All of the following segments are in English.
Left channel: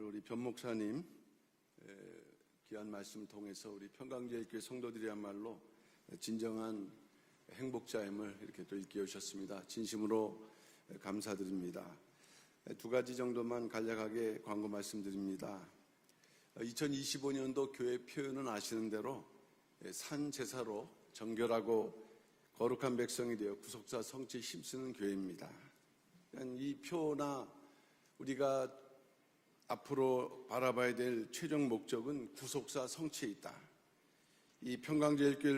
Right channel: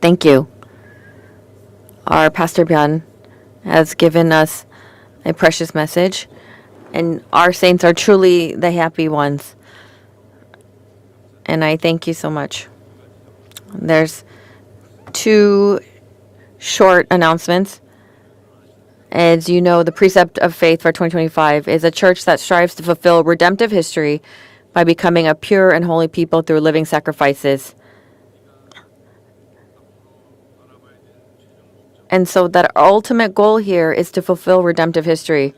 Thank you. Our Pastor Byun has given us a precious message, and our saints are truly the happy ones. And I thank you so much. There's two short announcements. As you know, the precept of faith for 2025 is a church that strives to fulfill redemptive history by becoming a pure and holy people through living sacrifices. And so that our ultimate goal here is to fulfill redemptive history.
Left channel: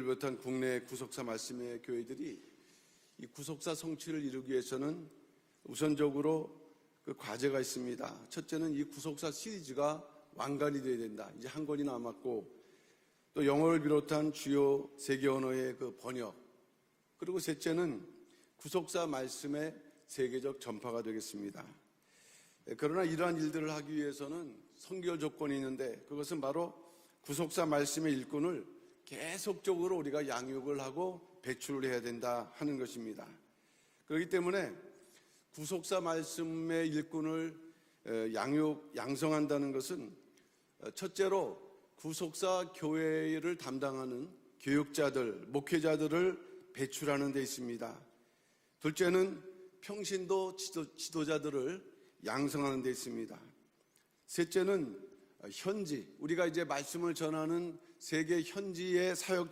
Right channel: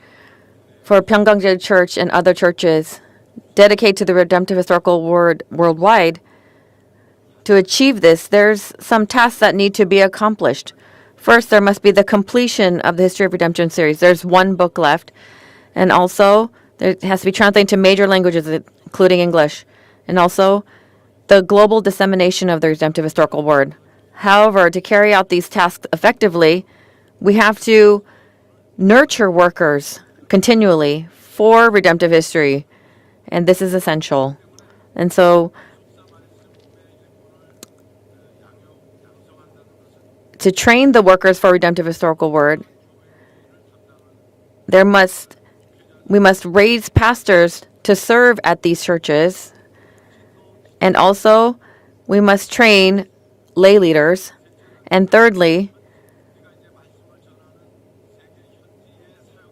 For Pyungkang Church and other churches dedicated to the redemptive historical word worldwide, to achieve this, there's some tasks that need to be accomplished. First, there must be the completion of the History of Redemption series. There's one book left. And also, it has to be translated to major languages, including English. And also, the global dissemination of the redemptive historical word. However, to carry out these tasks effectively, we have to nurture workers continually for redemptive history. And this is essential. And so, to train the workers for redemptive historical word, we must raise pastors to serve at these churches, and also we must train lay leaders. And thirdly,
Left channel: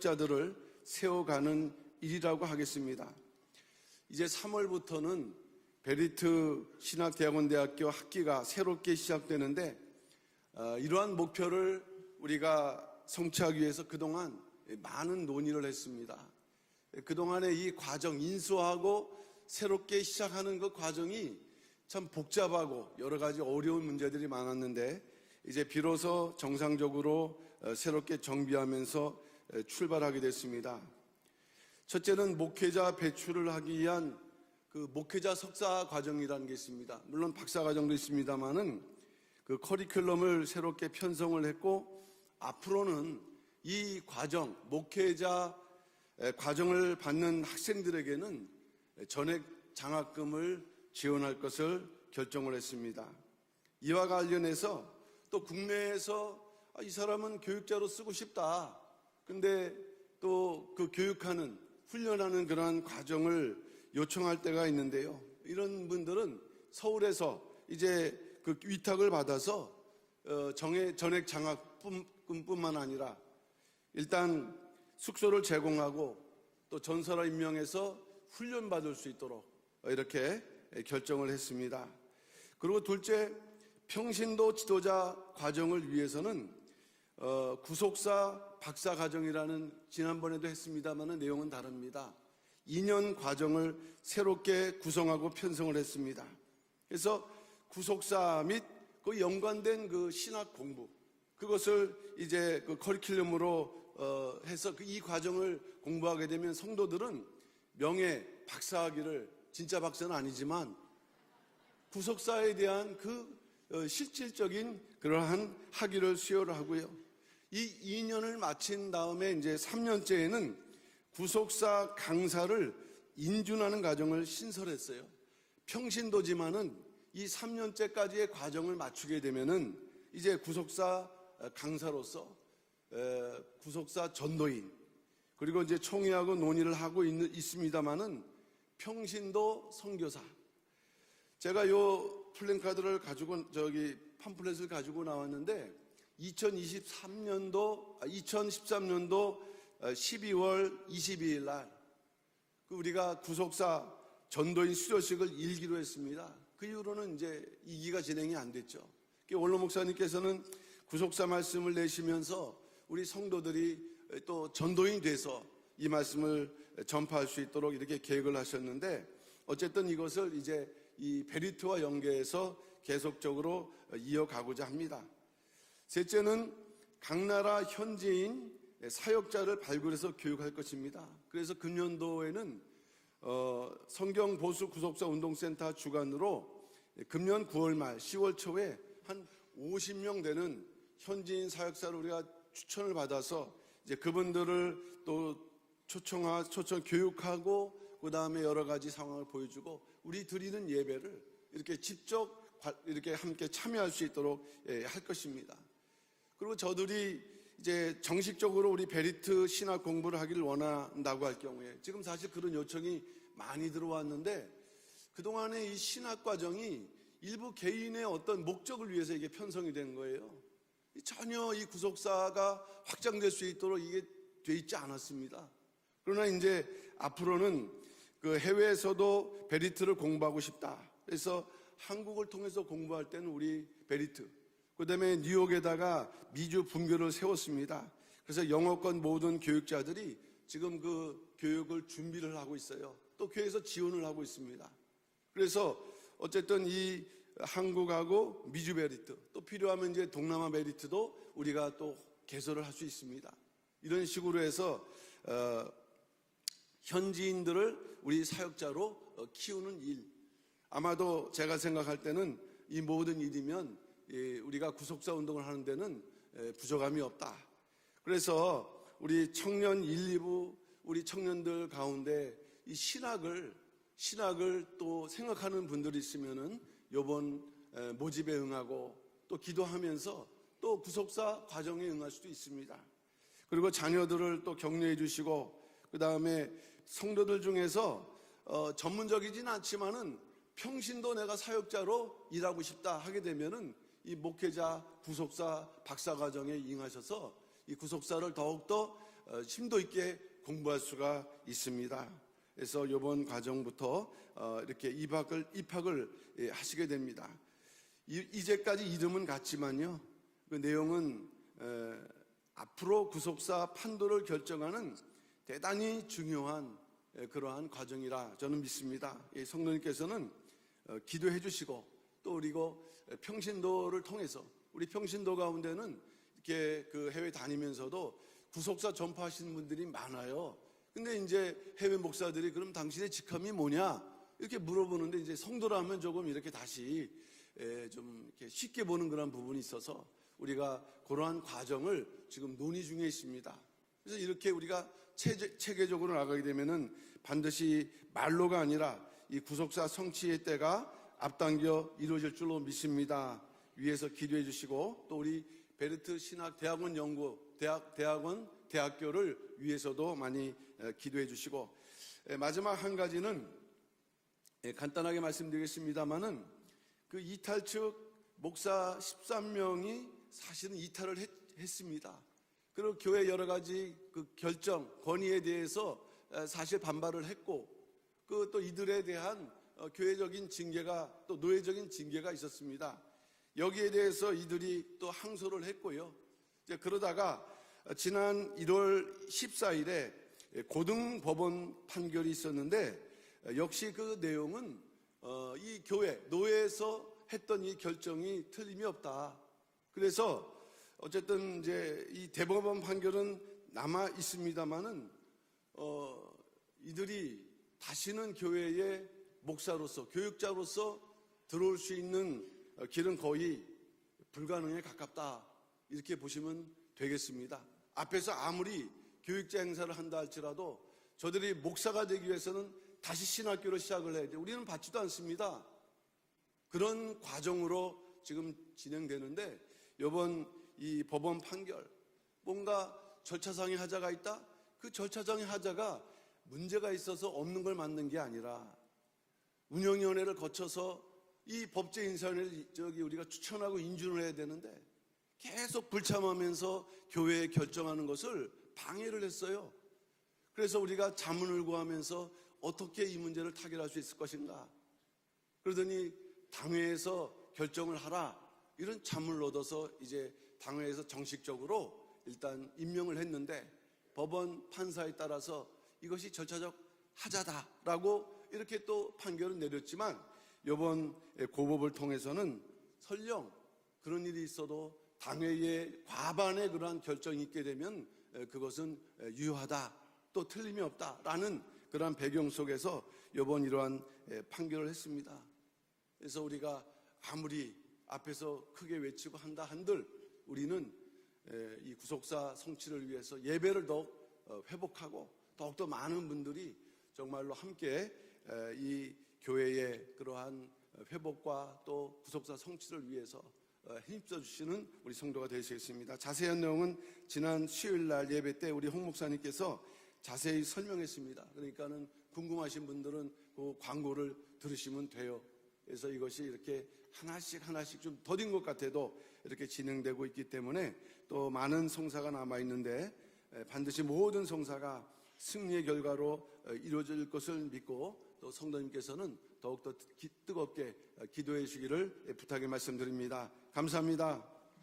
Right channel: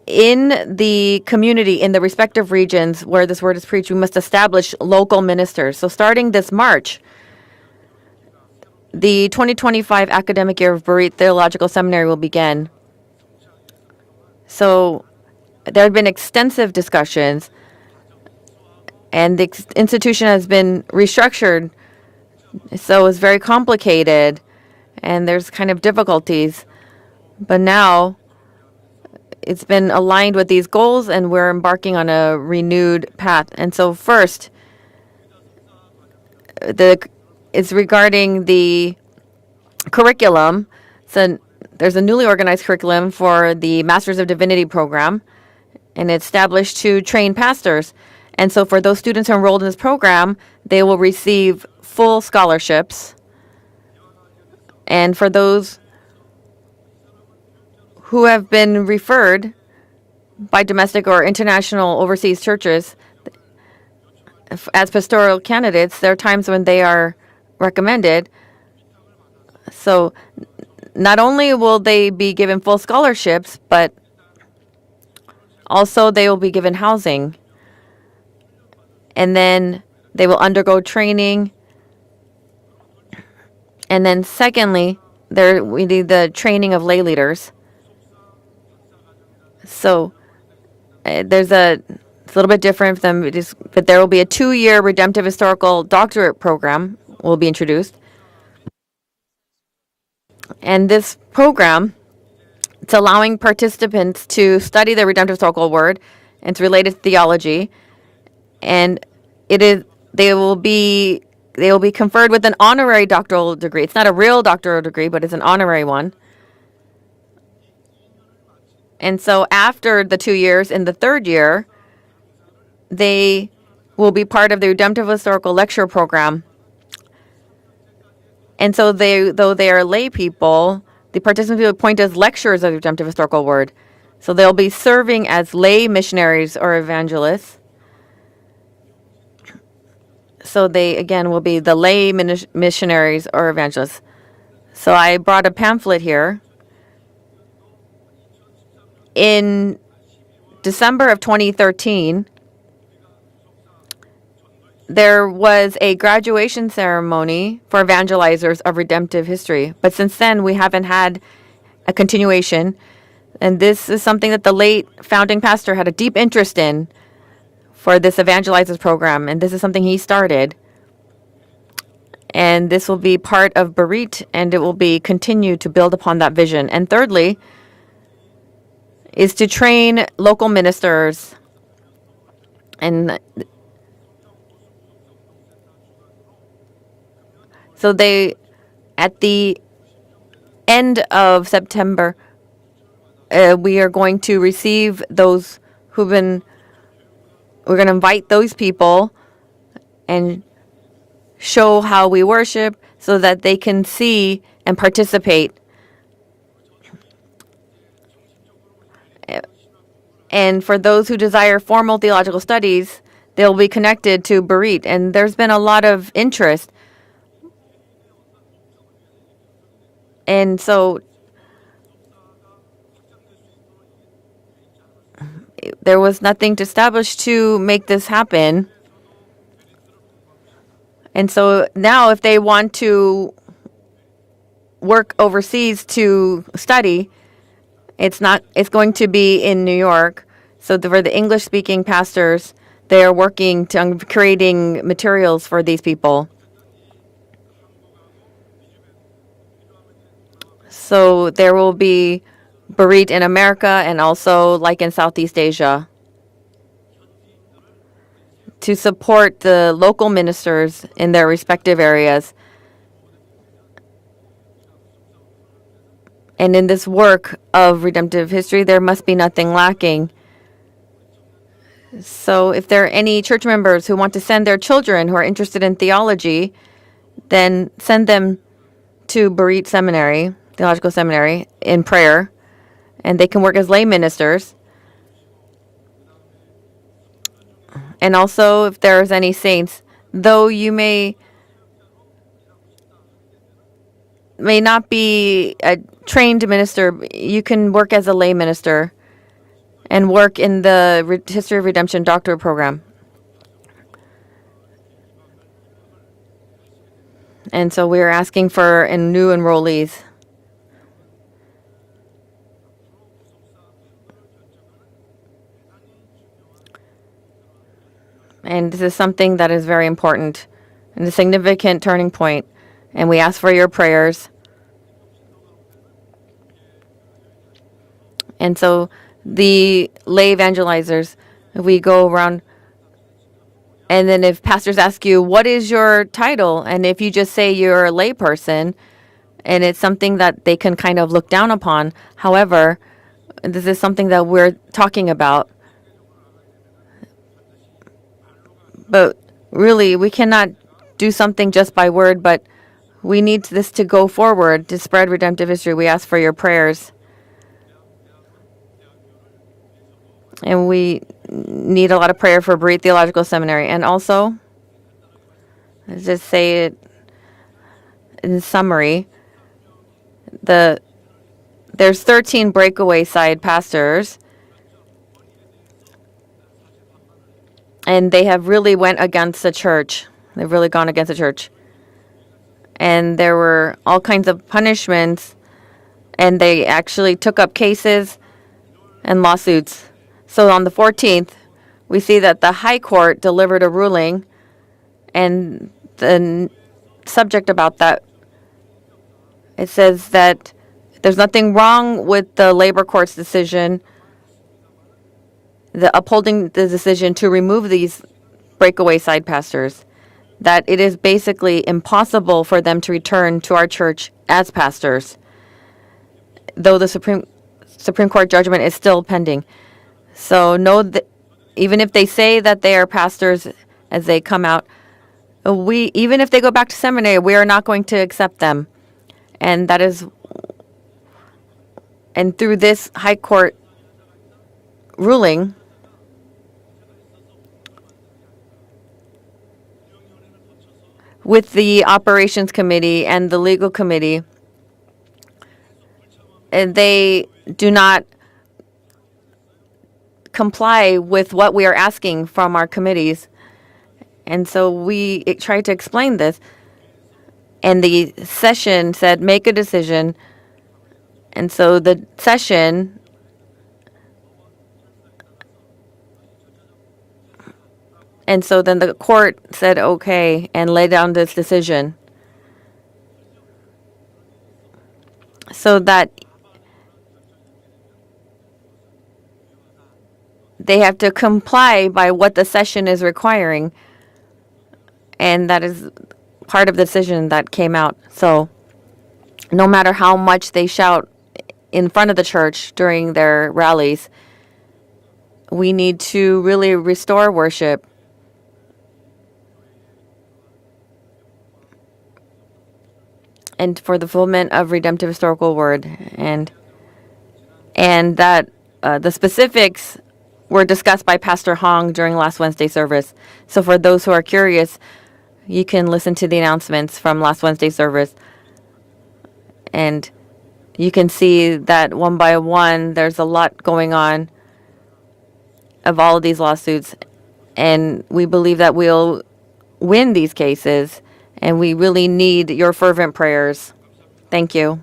in the community, in the respective regions where this word is preached, we must establish local ministers. So starting this March, the 2025 academic year of Bereith Theological Seminary will begin. So there have been extensive discussions, and the institution has been restructured. So it's very complicated, and there's kind of difficulties. But now it's been aligned with these goals, and we're embarking on a renewed path. And so first, it's regarding the curriculum. So there's a newly organized curriculum for the Masters of Divinity program, and it's established to train pastors. And so for those students who are enrolled in this program, they will receive full scholarships. And for those who have been referred by domestic or international overseas churches as pastoral candidates, there are times when they are recommended. So not only will they be given full scholarships, but also they will be given housing. And then they will undergo training. And then secondly, we need the training of lay leaders. So it's a little bit different from this, but there will be a 2-year redemptive historical doctorate program will be introduced. And this program, it's allowing participants to study the redemptive historical word, and it's related to theology, and they will be conferred with an honorary doctoral degree. It's not a real doctoral degree, but it's an honorary one. And so after the 2 years, in the 3rd year, they will be part of the Redemptive Historical Lecture Program. And so though they are lay people, the participants will be appointed as lecturers of the Redemptive Historical Word. So they'll be serving as lay missionaries or evangelists. So they, again, will be the lay missionaries or evangelists. So I brought a pamphlet here. In December of 2013, there was a graduation ceremony for evangelizers of redemptive history. But since then, we haven't had a continuation. And this is something that the late founding pastor had a deep interest in for this evangelizers program. And this is something he started. And this will be part of Bereith, and it will be continued to build upon that vision. And thirdly, is to train local ministers. And so at the end of September, we are going to receive those we're going to invite those people and show how we worship, so that they can see and participate. 그리고 저들이 이제 정식적으로 우리 베리트 신학 공부를 하게 And for those who desire formal theological studies, they'll be connected to Berit. And there's been a lot of interest. 일부 개인의 어떤 목적을 위해서 이게 편성이 된 거예요. And so 전혀 이 구속사가 확장될 수 있도록 이게 돼 있지 않았습니다. there was nothing to establish to make this happen. 해외에서도 베리트를 공부하고 싶다. And so now if they want to 우리 베리트 work overseas to study, 세웠습니다. it's going to be in New York. So for the English-speaking pastors, they are working on creating materials for these people. 어쨌든 이 한국하고 미주 베리트 또 필요하면 이제 동남아 베리트 So there will be Berit in America and also like in Southeast Asia 현지인들을 우리 사역자 to support the local ministers in their respective areas. 이 모든 일이면 우리가 구속사 운동을 하는 데는 And in this work of redemptive history, there must be nothing lacking. 우리 청년들 가운데 So if there are any church members who want to send their children who are interested in theology, then send them to Berit Seminary, Theological Seminary, in prayer, and they can work as lay ministers. 또 격려해 주시고 그다음에 성도들 중에서 And also, if there's any saints, though you 내가 사역자로 일하고 싶다 하게 되면은 이 목 may not be a trained minister, you can work as a lay minister 심도 있게 and work in the History of Redemption doctorate program. 이번 과정부터 이렇게 입학을 하시게 됩니다. And so we're asking for new enrollees. 그 내용은 앞으로 구속사 판도를 결정하는 대단히 중요한 그러한 과정이라. And this is something that is very important and a significant turning point. And we ask for your prayers. 우리 평신도 가운데는 이렇게 그 해외 다니면서도 And so the lay evangelizers, we go around, 그럼 당신의 직함이 뭐냐? and then if pastors ask you, what is your title? And if you just say you're a lay person, and it's something that they can kind of look down upon. However, this is something that we're talking about. 체계적으로 나가게 되면은 반드시 말로가 아니라 But really, we cannot do something just by word, but we need this to go forward to spread redemptive history. We ask for your prayers. 연구 대학원 대학교를 위해서도 많이 And we need a lot of prayer for Berit Theological Seminary. And also, 간단하게 말씀드리겠습니다. let's just say it 그 이탈 측 in summary, 13명이 the 이탈을 there's 13 breakaway side pastors, 결정 권위에 대해서 사실 반발을 했고 and they have really went against the church. They've really gone against the church. 교회적인 징계가 있었습니다. And there were all kinds of punishments, 항소를 했고요. and they actually took up cases 지난 1월 and lawsuits. So on the 14th, we see that the High Court delivered a ruling, 내용은 and the 교회에서 subject about that, 정이 틀림이 없다. it says that there's nothing wrong with the labor court's decision, 아마 있습니다만은 the upholding the decision to remove these breakaway side pastors, that it is basically impossible for them to return to our church as pastors, 이렇게 보시면 though the Supreme Court judgment is still pending. So know that even if they say that they are pastors as they come out, even if they go back to seminary, we are not going to accept them. And that is, 이 법원 판결 and through this High Court 사상의 하자가 있다. ruling, 하자가 문제가 있어서 없는 걸 맞는 게 아니라 운영위원회를 거쳐서 with the operations committee and the legal committee, 해야 되는데 계속 불참하면서 and they 교회의 do not 것을 방해를 했어요. comply with what we are asking from our committees. 문제를 타결할 수 있을 것이다. And so we tried to explain this, 당회에서 and the session said, make a decision. 당회에서 정식 And so the session, 임명을 했는데 법원 판사에 따라서 이것이 절차적 하자다라고 and so then the court said, okay, and laid down this decision. 통해서는 설령 그런 일이 있어도 당회의 So that 과반의 그러한 결정이 있게 되면 그것은 유효하다. 또 they have to comply by what the session is requiring. 그러한 판결을 했습니다. And that is part of the decision that came out. So 크게 외치고 no matter how much they shout in front of the church during their rallies, 회복하고 we need to really restore worship. 이 교회의 그러한 회복과 또 구속사 성취를 and for the fulfillment of redemptive historical word. 자세한 내용은 지난 And that 예배 때 우리 the specifics were discussed by Pastor Hong during last Wednesday service. So for those who are curious, you can listen to the announcements from last Wednesday service. 더딘 것 같아도 이렇게 And 진행되고 있기 때문에 you can see that one by one, there's a lot going on 모든 성사가 승리의 of all of these lawsuits. And we believe that we'll win these cases. And we really need your fervent prayers. 감사합니다. Thank you.